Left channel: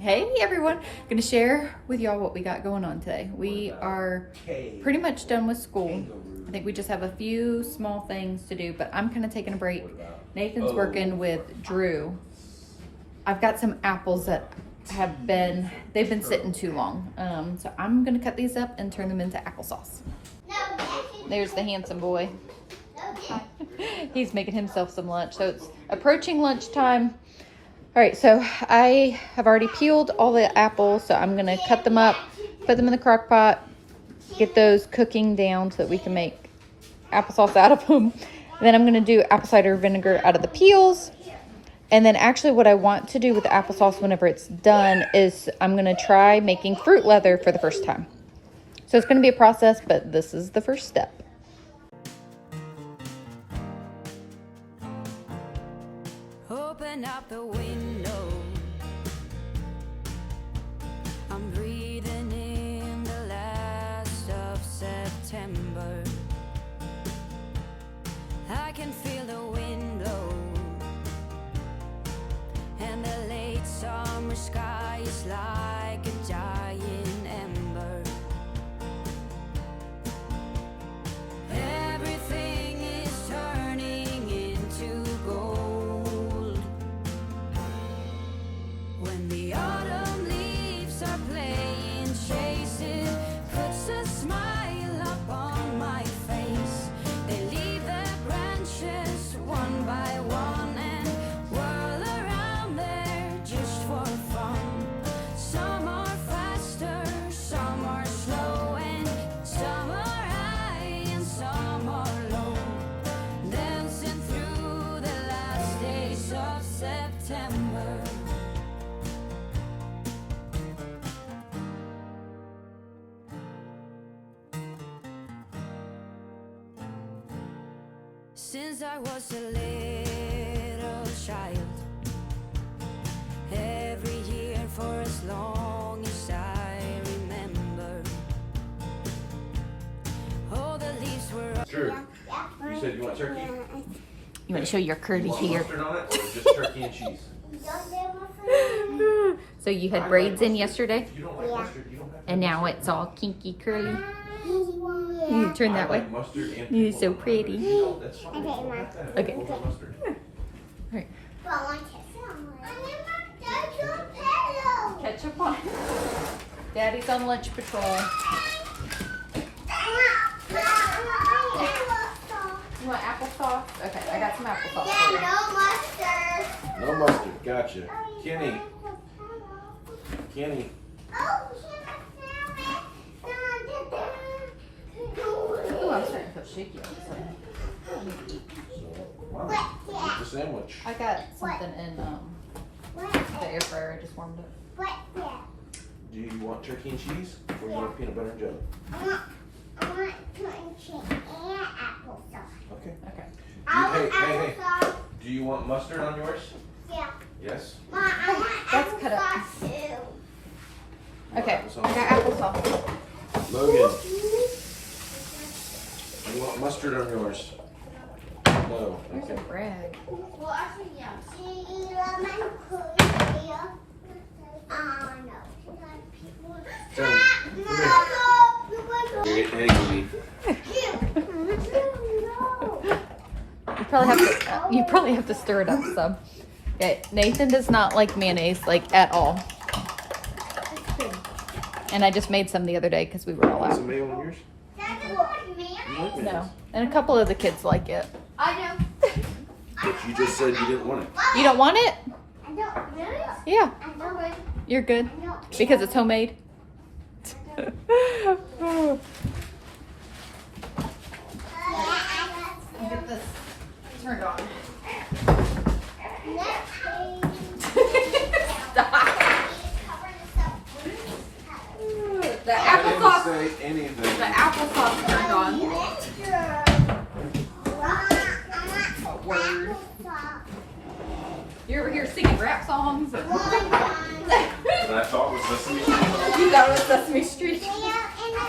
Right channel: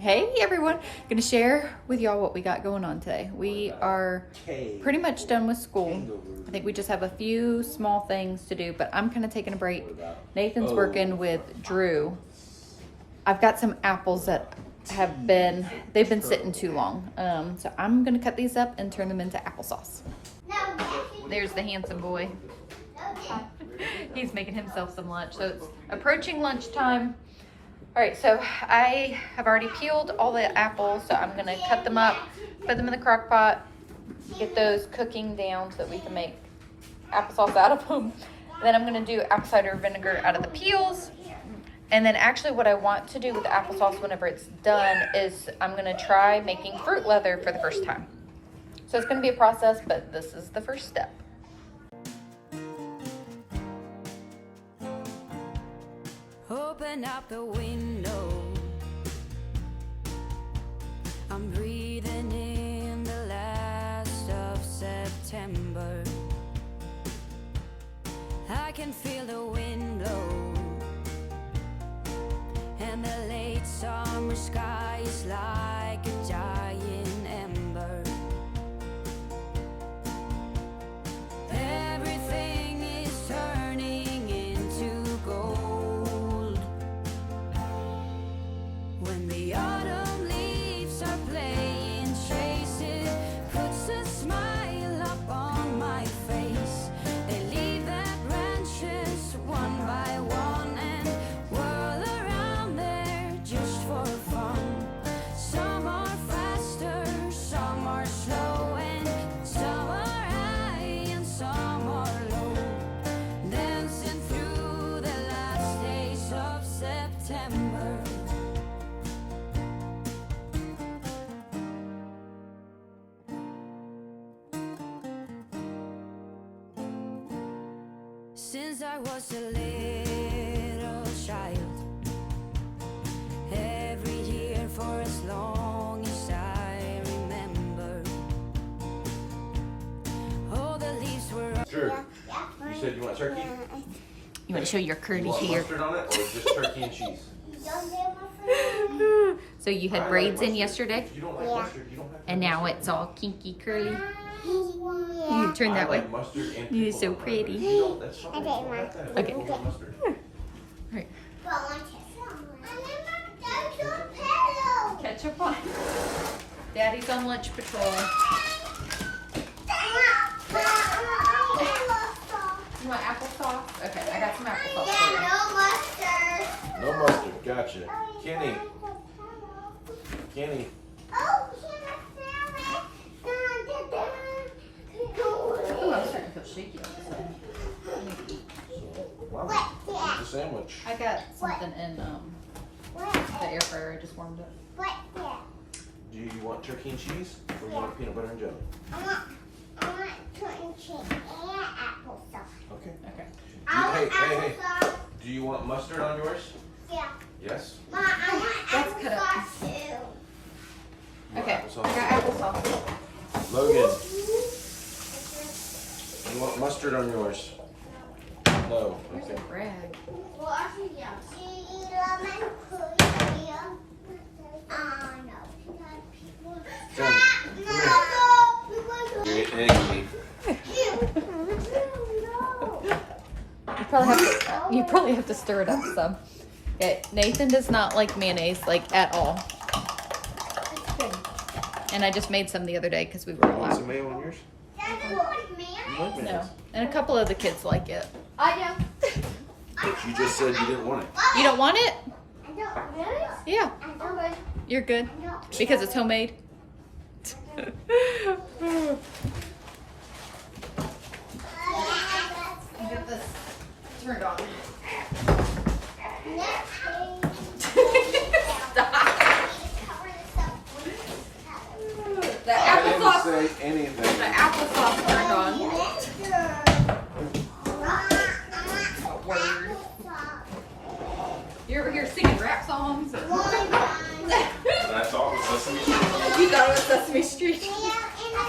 Hey everyone, gonna share with y'all what we got going on today. We are pretty much done with school. I think we just have a few small things to do, but I'm kind of taking a break. Nathan's working with Drew. I've got some apples that they've been sitting too long. So I'm gonna cut these up and turn them into applesauce. There's the handsome boy. He's making himself some lunch. So it's approaching lunchtime. All right, so I have already peeled all the apples, so I'm gonna cut them up, put them in the crock pot, get those cooking down so that we can make applesauce out of them. And then I'm gonna do apple cider vinegar out of the peels. And then actually what I want to do with the applesauce whenever it's done is I'm gonna try making fruit leather for the first time. So it's gonna be a process, but this is the first step. Open up the window. I'm breathing in the last of September. I can feel the wind blow, and the late summer sky is like a giant ember. Everything is turning into gold when the autumn leaves are playing chase. It puts a smile up on my face. They leave their branches one by one and whirl around there just for fun. Some are faster, some are slow, and some are high and some are low, dancing through the last days of September. Since I was a little child, every year for as long as I remember, all the leaves were Drew, you said you want turkey? You want to show your You curves want here. mustard on it, or just turkey and cheese? So you had braids in yesterday, You don't like mustard, you don't have to. and now it's all kinky curly. You turn that way. I like mustard and You're pickle so on it. pretty. No, that's fine. Okay. Mustard. Alright. Ketchup on. Daddy's on lunch patrol. You want applesauce? Okay, I got some applesauce for you. No mustard, gotcha. Kenny. Kenny. Ooh, I'm starting to feel shaky all of a sudden. I need to eat. Wow, eat the sandwich. I got something in the air fryer. I just warmed up. Do you want turkey and cheese, or you want peanut butter and jelly? I want turkey and applesauce. Okay. Okay. Hey. Do you want mustard on yours? Yeah. Yes? Mom, I want That's cut up. applesauce too. You want Okay. I applesauce? got applesauce. Logan, you want mustard on yours? No. Where's Okay. the bread? Well, actually, yeah. Lemon cookie. No. Jen, You're egg me. You probably have to stir it up some. Okay, Nathan does not like mayonnaise, like at all. And I just made some the other day because we were all Want out. some mayo on yours? You like mayonnaise? No, and a couple of the kids like it. I do. But you just said you didn't want it. You don't want it? I don't really. Yeah, I know it. you're good because it's homemade. Get this turned on. The I didn't applesauce. say anything. The applesauce turned on. Word. You ever hear singing rap songs? And I thought it was Sesame Street. You thought it was Sesame Street.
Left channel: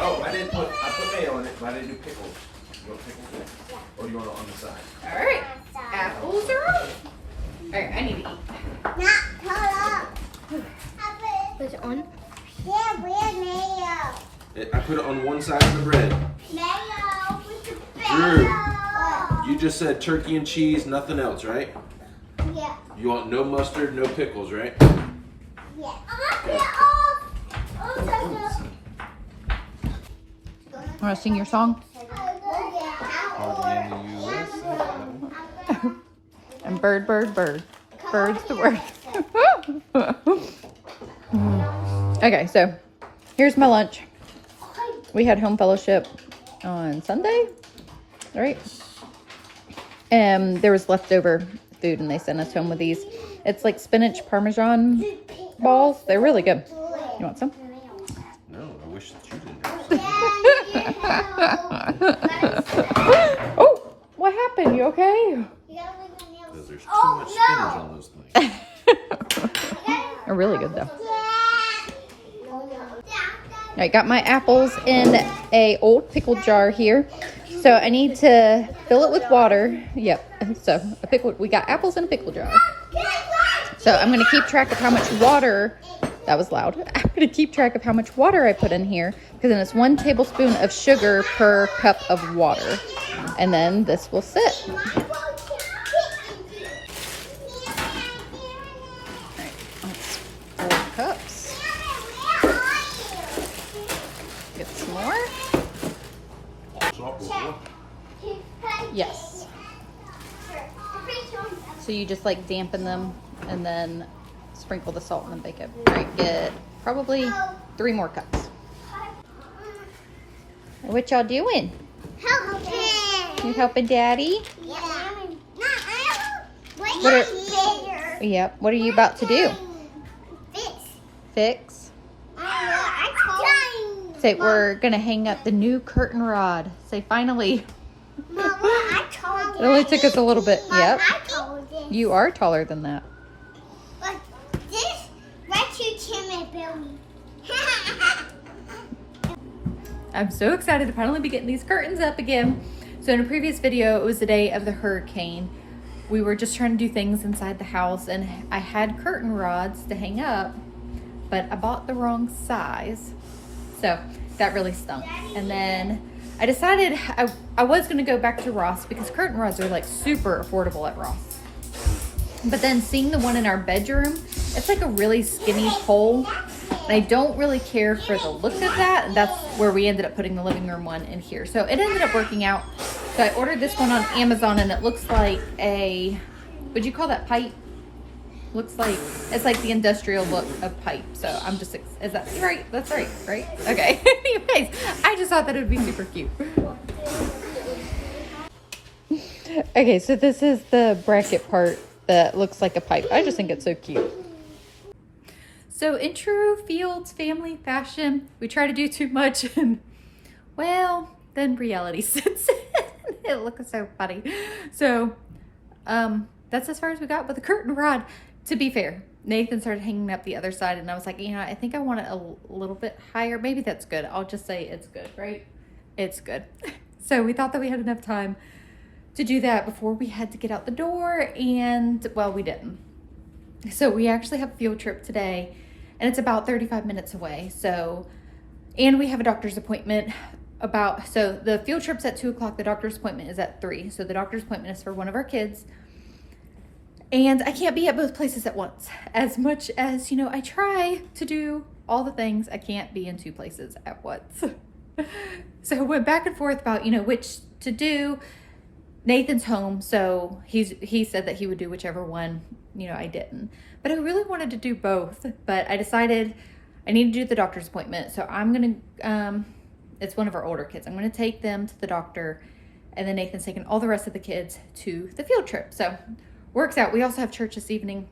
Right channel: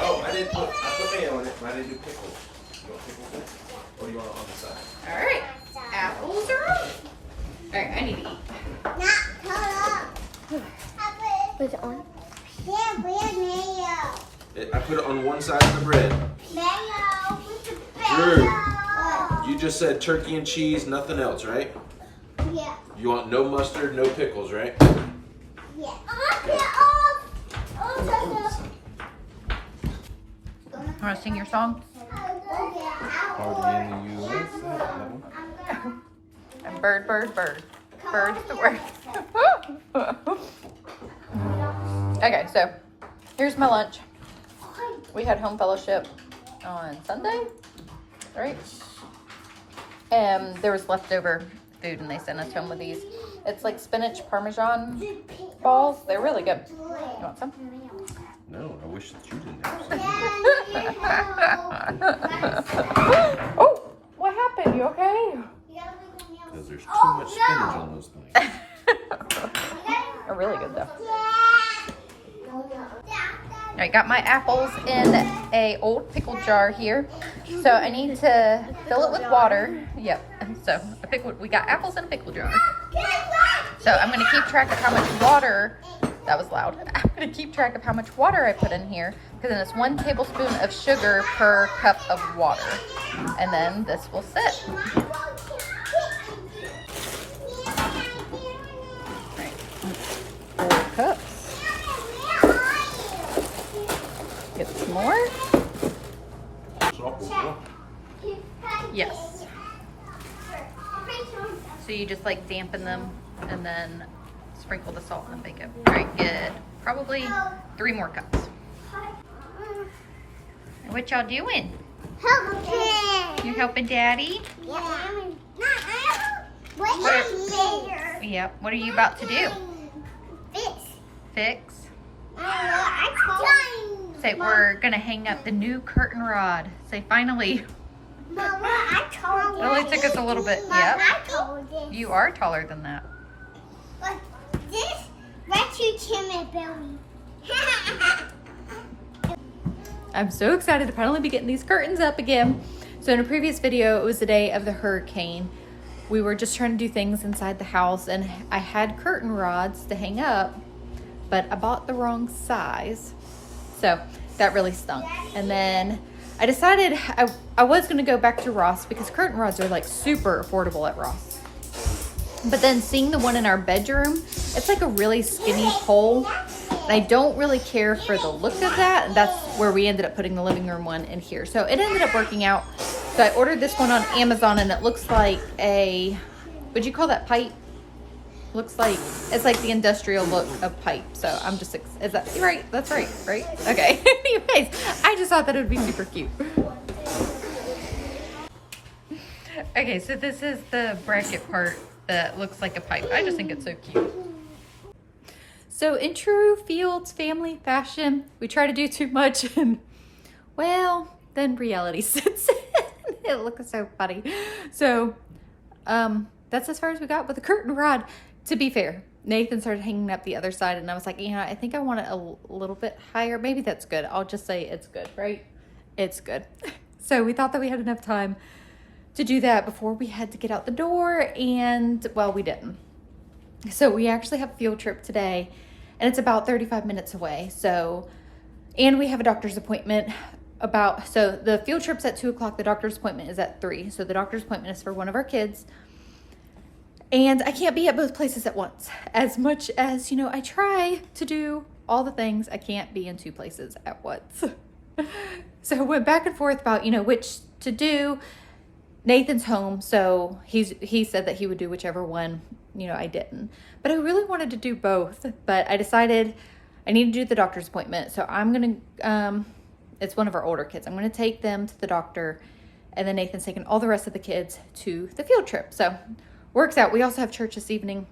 Oh, I put mayo on it, but I didn't do pickles. You want pickles too? Or do you want it on the side? All right, apples are on. All right, I need to eat. Not color. Put it on. Yeah, where's mayo? I put it on one side of the bread. Mayo. Drew, you just said turkey and cheese, nothing else, right? Yeah. You want no mustard, no pickles, right? Yeah. Want to sing your song? Party in the USA. And bird, bird, bird. Bird's the word. Okay, so here's my lunch. We had home fellowship on Sunday, right? And there was leftover food and they sent us home with these. It's like spinach parmesan balls. They're really good. You want some? No, I wish that you didn't have some. Oh, what happened? You okay? Because there's too much spinach on those things. They're really good though. I got my apples in a old pickle jar here. So I need to fill it with water. Yep. So we got apples in a pickle jar. So I'm gonna keep track of how much water, that was loud. I'm gonna keep track of how much water I put in here, because then it's 1 tablespoon of sugar per cup of water. And then this will sit. Alright, that's 4 cups. Get some more. Yes. So you just like dampen them and then sprinkle the salt and then bake it. Alright, get probably 3 more cups. What y'all doing? Help. You helping Daddy? Yep. What are you about to do? Fix? Say we're gonna hang up the new curtain rod. Say finally. Mama, I told It only took us a little bit. Yep. I told this. You are taller than that. This lets you chin my belly. I'm so excited to finally be getting these curtains up again. So in a previous video, it was the day of the hurricane. We were just trying to do things inside the house and I had curtain rods to hang up, but I bought the wrong size. So that really stunk. And then I decided I was gonna go back to Ross because curtain rods are like super affordable at Ross. But then seeing the one in our bedroom, it's like a really skinny pole. And I don't really care for the look of that. And that's where we ended up putting the living room one in here. So it ended up working out. So I ordered this one on Amazon and it looks like a, would you call that pipe? Looks like, it's like the industrial look of pipe. So I'm just, is that right? That's right, right? Okay. Anyways, I just thought that it would be super cute. Okay, so this is the bracket part that looks like a pipe. I just think it's so cute. So in true Fields family fashion, we try to do too much and, well, then reality sets in. It looks so funny. So that's as far as we got with the curtain rod. To be fair, Nathan started hanging up the other side and I was like, yeah, I think I want it a little bit higher. Maybe that's good. I'll just say it's good, right? It's good. So we thought that we had enough time to do that before we had to get out the door, and well, we didn't. So we actually have a field trip today and it's about 35 minutes away. So, and we have a doctor's appointment so the field trip's at 2 o'clock. The doctor's appointment is at 3. So the doctor's appointment is for one of our kids. And I can't be at both places at once. As much as, I try to do all the things, I can't be in 2 places at once. So I went back and forth about, which to do. Nathan's home, so he said that he would do whichever one, I didn't. But I really wanted to do both, but I decided I need to do the doctor's appointment. So I'm going to, it's one of our older kids. I'm going to take them to the doctor, and then Nathan's taking all the rest of the kids to the field trip. So works out. We also have church this evening.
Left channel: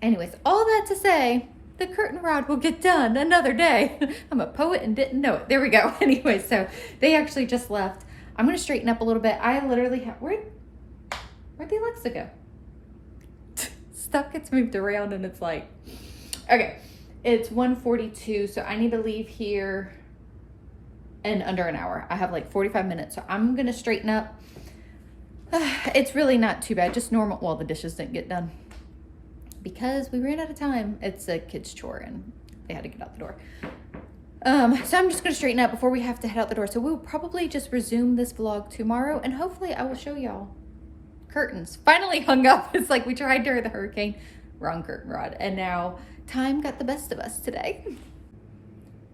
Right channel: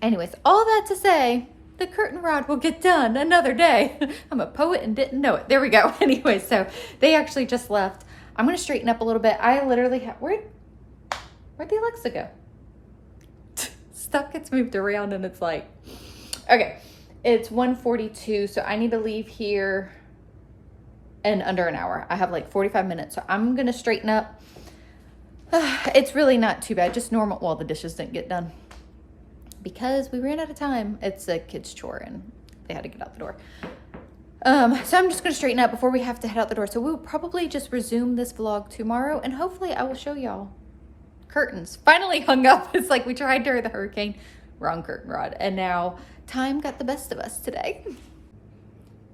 Anyways, all that to say, the curtain rod will get done another day. I'm a poet and didn't know it. There we go. Anyway, so they actually just left. I'm going to straighten up a little bit. I literally have, where'd the Alexa go? Stuff gets moved around and it's like, okay, it's 1:42. So I need to leave here in under an hour. I have like 45 minutes. So I'm going to straighten up. It's really not too bad. Just normal. Well, the dishes didn't get done because we ran out of time. It's a kid's chore and they had to get out the door. So I'm just going to straighten up before we have to head out the door. So we'll probably just resume this vlog tomorrow, and hopefully I will show y'all curtains. Finally hung up. It's like we tried during the hurricane, wrong curtain rod, and now time got the best of us today.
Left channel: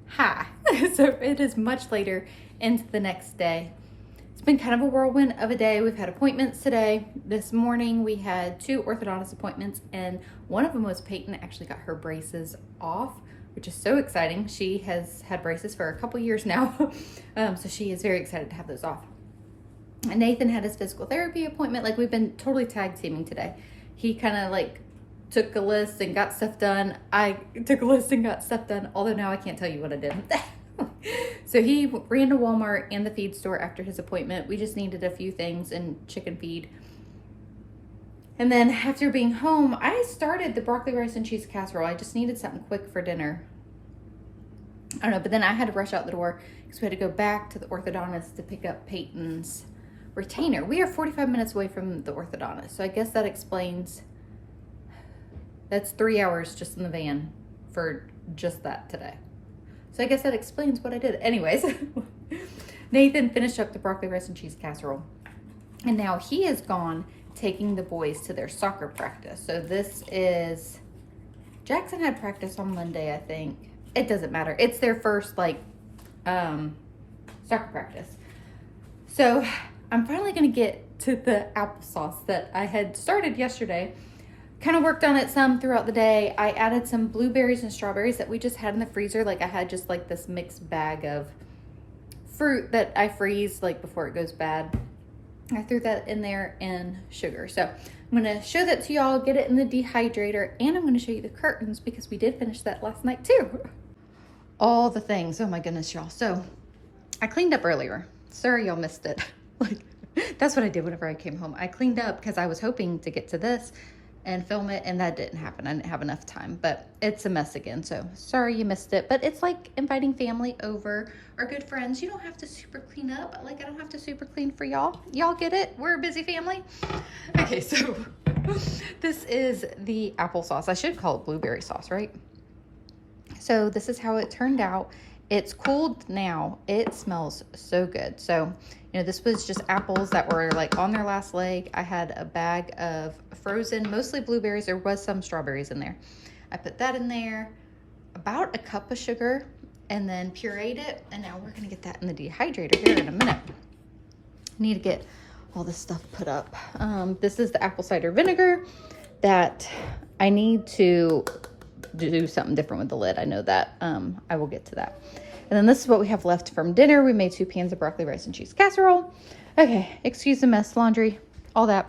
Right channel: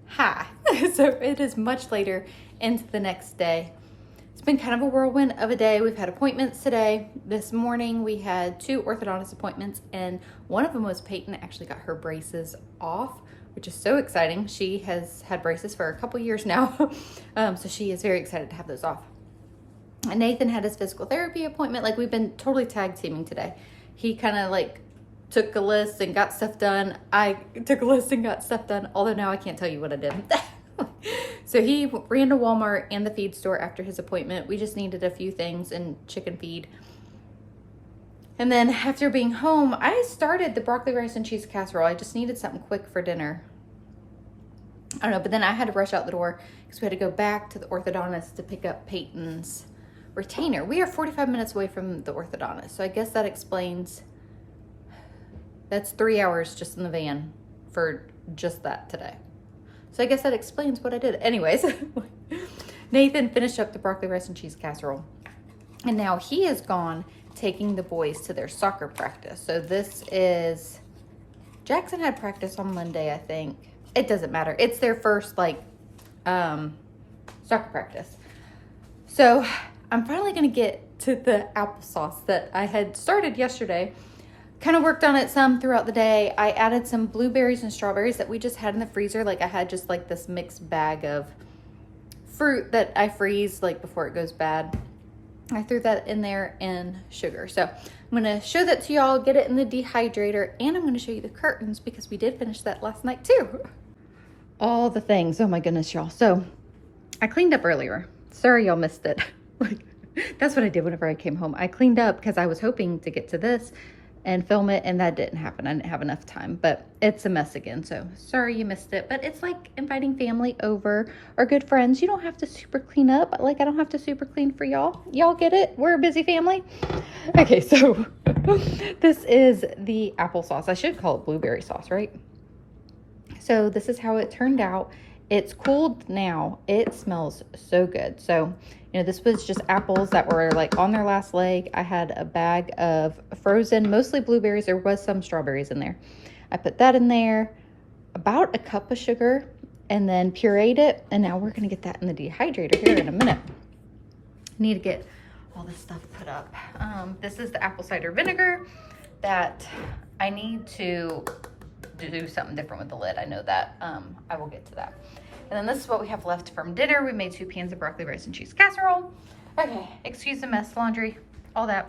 Hi. So it is much later into the next day. It's been kind of a whirlwind of a day. We've had appointments today. This morning we had 2 orthodontist appointments, and one of them was Payton actually got her braces off, which is so exciting. She has had braces for a couple years now. So she is very excited to have those off. And Nathan had his physical therapy appointment. Like, we've been totally tag teaming today. He kind of like took a list and got stuff done. I took a list and got stuff done, although now I can't tell you what I did. So he ran to Walmart and the feed store after his appointment. We just needed a few things and chicken feed. And then after being home, I started the broccoli, rice, and cheese casserole. I just needed something quick for dinner. I don't know, but then I had to rush out the door because we had to go back to the orthodontist to pick up Payton's retainer. We are 45 minutes away from the orthodontist, so I guess that explains. That's 3 hours just in the van for just that today. So I guess that explains what I did. Anyways, Nathan finished up the broccoli, rice, and cheese casserole, and now he is gone taking the boys to their soccer practice. So this is, Jackson had practice on Monday, I think. It doesn't matter. It's their first like soccer practice. So I'm finally gonna get to the applesauce that I had started yesterday. Kind of worked on it some throughout the day. I added some blueberries and strawberries that we just had in the freezer. Like, I had just like this mixed bag of fruit that I freeze like before it goes bad. I threw that in there and sugar. So I'm gonna show that to y'all, get it in the dehydrator, and I'm gonna show you the curtains because we did finish that last night too. All the things, oh my goodness, y'all. So I cleaned up earlier. Sorry y'all missed it. Like, that's what I did whenever I came home. I cleaned up because I was hoping to get to this and film it, and that didn't happen. I didn't have enough time, but it's a mess again. So sorry you missed it, but it's like inviting family over or good friends. You don't have to super clean up. Like, I don't have to super clean for y'all. Y'all get it? We're a busy family. Okay, so this is the applesauce. I should call it blueberry sauce, right? So this is how it turned out. It's cooled now. It smells so good. So, you know, this was just apples that were like on their last leg. I had a bag of frozen, mostly blueberries. There was some strawberries in there. I put that in there, about a cup of sugar, and then pureed it. And now we're gonna get that in the dehydrator here in a minute. I need to get all this stuff put up. This is the apple cider vinegar that I need to do something different with the lid. I know that. I will get to that. And then this is what we have left from dinner. We made 2 pans of broccoli, rice, and cheese casserole. Okay, excuse the mess, laundry, all that.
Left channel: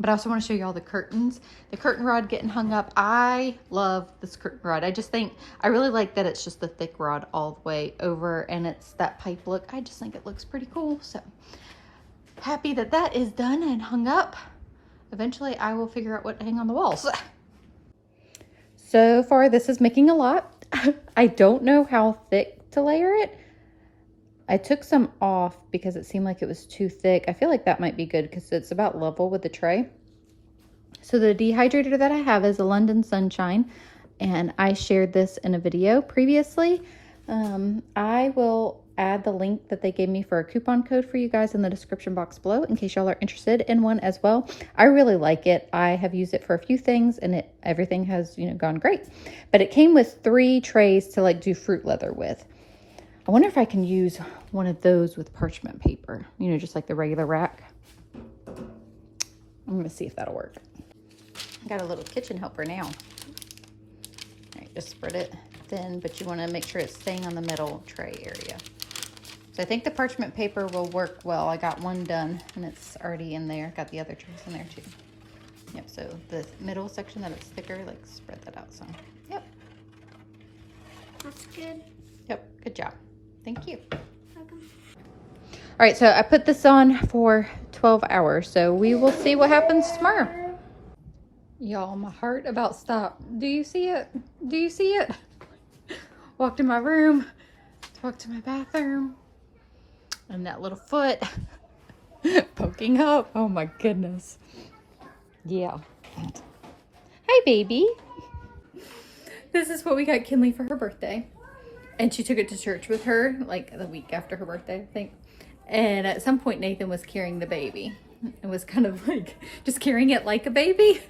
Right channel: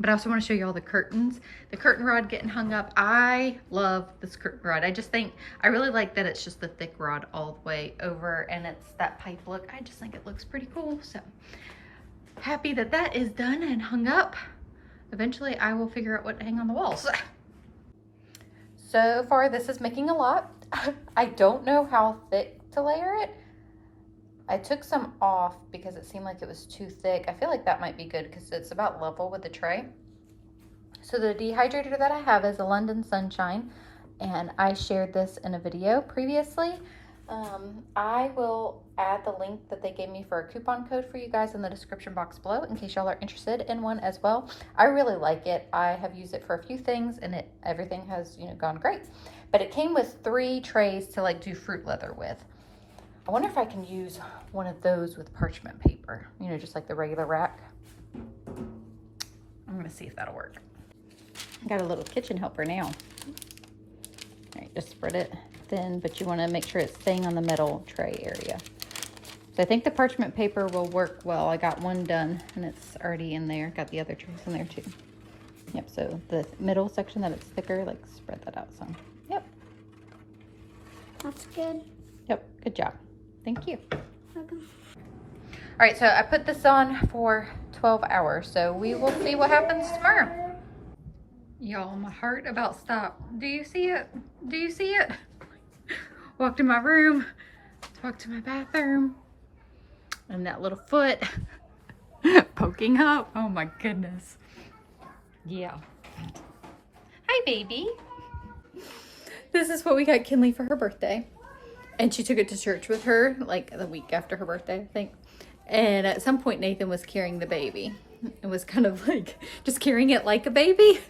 But I also want to show you all the curtains. The curtain rod getting hung up. I love this curtain rod. I just think, I really like that it's just the thick rod all the way over and it's that pipe look. I just think it looks pretty cool. So happy that that is done and hung up. Eventually I will figure out what to hang on the walls. So far this is making a lot. I don't know how thick to layer it. I took some off because it seemed like it was too thick. I feel like that might be good because it's about level with the tray. So the dehydrator that I have is a London Sunshine, and I shared this in a video previously. I will add the link that they gave me for a coupon code for you guys in the description box below in case y'all are interested in one as well. I really like it. I have used it for a few things and everything has, you know, gone great. But it came with 3 trays to like do fruit leather with. I wonder if I can use one of those with parchment paper, you know, just like the regular rack. I'm gonna see if that'll work. I got a little kitchen helper now. All right, just spread it thin, but you wanna make sure it's staying on the metal tray area. So I think the parchment paper will work well. I got one done and it's already in there. Got the other trays in there too. Yep, so the middle section that it's thicker, like spread that out some. Yep. That's good. Yep, good job. Thank you. All right, so I put this on for 12 hours. So we will see what happens tomorrow. Y'all, my heart about stopped. Do you see it? Do you see it? Walked in my room, walked to my bathroom. And that little foot poking up. Oh my goodness. Yeah. Hi, baby. This is what we got Kinley for her birthday. And she took it to church with her, like the week after her birthday, I think. And at some point, Nathan was carrying the baby. It was kind of like just carrying it like a baby.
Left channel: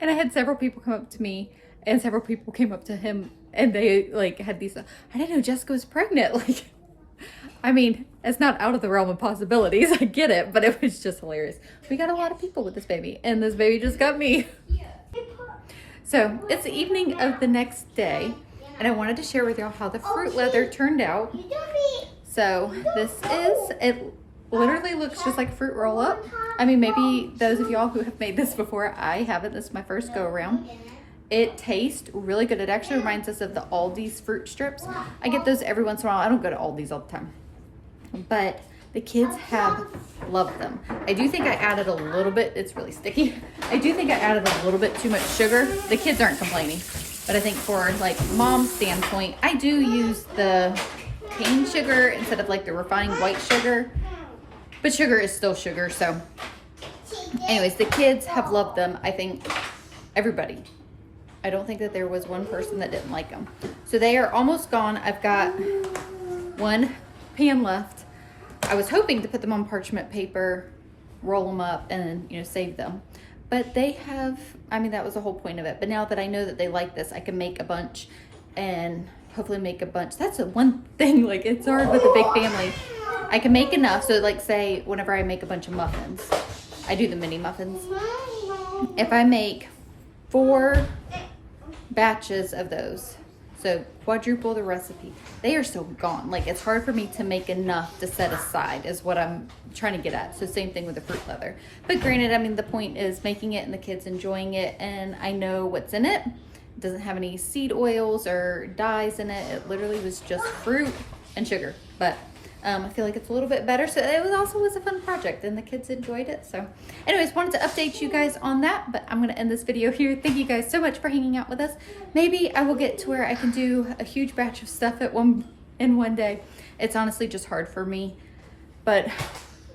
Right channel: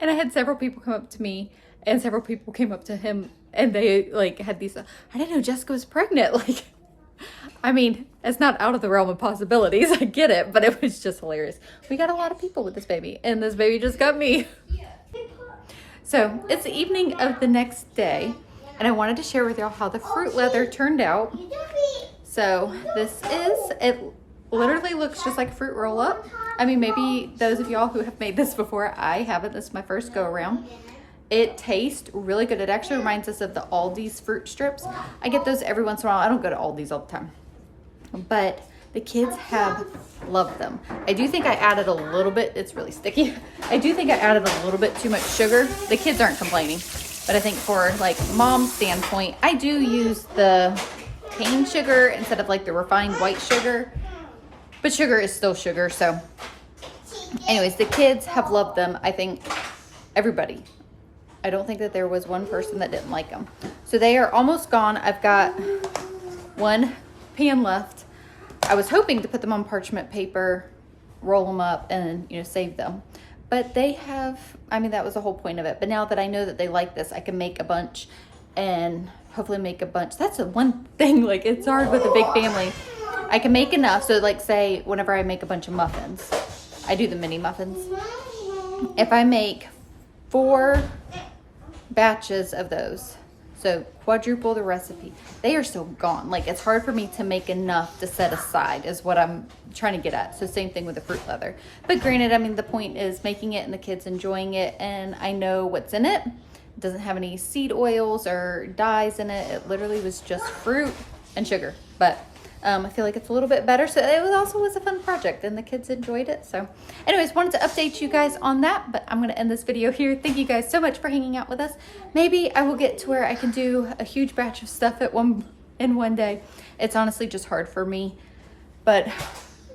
And I had several people come up to me, and several people came up to him, and they like had these, I didn't know Jessica was pregnant. Like, I mean, it's not out of the realm of possibilities. I get it, but it was just hilarious. We got a lot of people with this baby, and this baby just got me. So it's the evening of the next day, and I wanted to share with y'all how the fruit leather turned out. So this is, it literally looks just like a fruit roll up. I mean, maybe those of y'all who have made this before, I haven't. This is my first go around. It tastes really good. It actually reminds us of the Aldi's fruit strips. I get those every once in a while. I don't go to Aldi's all the time, but the kids have loved them. I do think I added a little bit. It's really sticky. I do think I added a little bit too much sugar. The kids aren't complaining, but I think for like mom's standpoint, I do use the cane sugar instead of like the refined white sugar, but sugar is still sugar. So anyways, the kids have loved them. I think everybody. I don't think that there was one person that didn't like them. So they are almost gone. I've got one pan left. I was hoping to put them on parchment paper, roll them up, and save them. But they have, I mean, that was the whole point of it. But now that I know that they like this, I can make a bunch and hopefully make a bunch. That's the one thing, like, it's hard with a big family. I can make enough. So like, say whenever I make a bunch of muffins, I do the mini muffins. If I make 4 batches of those, so quadruple the recipe, they are so gone. Like, it's hard for me to make enough to set aside is what I'm trying to get at. So same thing with the fruit leather. But granted, I mean, the point is making it and the kids enjoying it, and I know what's in it. It doesn't have any seed oils or dyes in it. It literally was just fruit and sugar. But I feel like it's a little bit better. So it was a fun project, and the kids enjoyed it. So anyways, wanted to update you guys on that, but I'm going to end this video here. Thank you guys so much for hanging out with us. Maybe I will get to where I can do a huge batch of stuff in one day. It's honestly just hard for me, but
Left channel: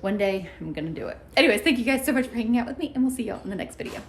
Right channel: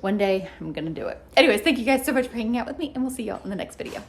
one day I'm going to do it. Anyways, thank you guys so much for hanging out with me, and we'll see y'all in the next video.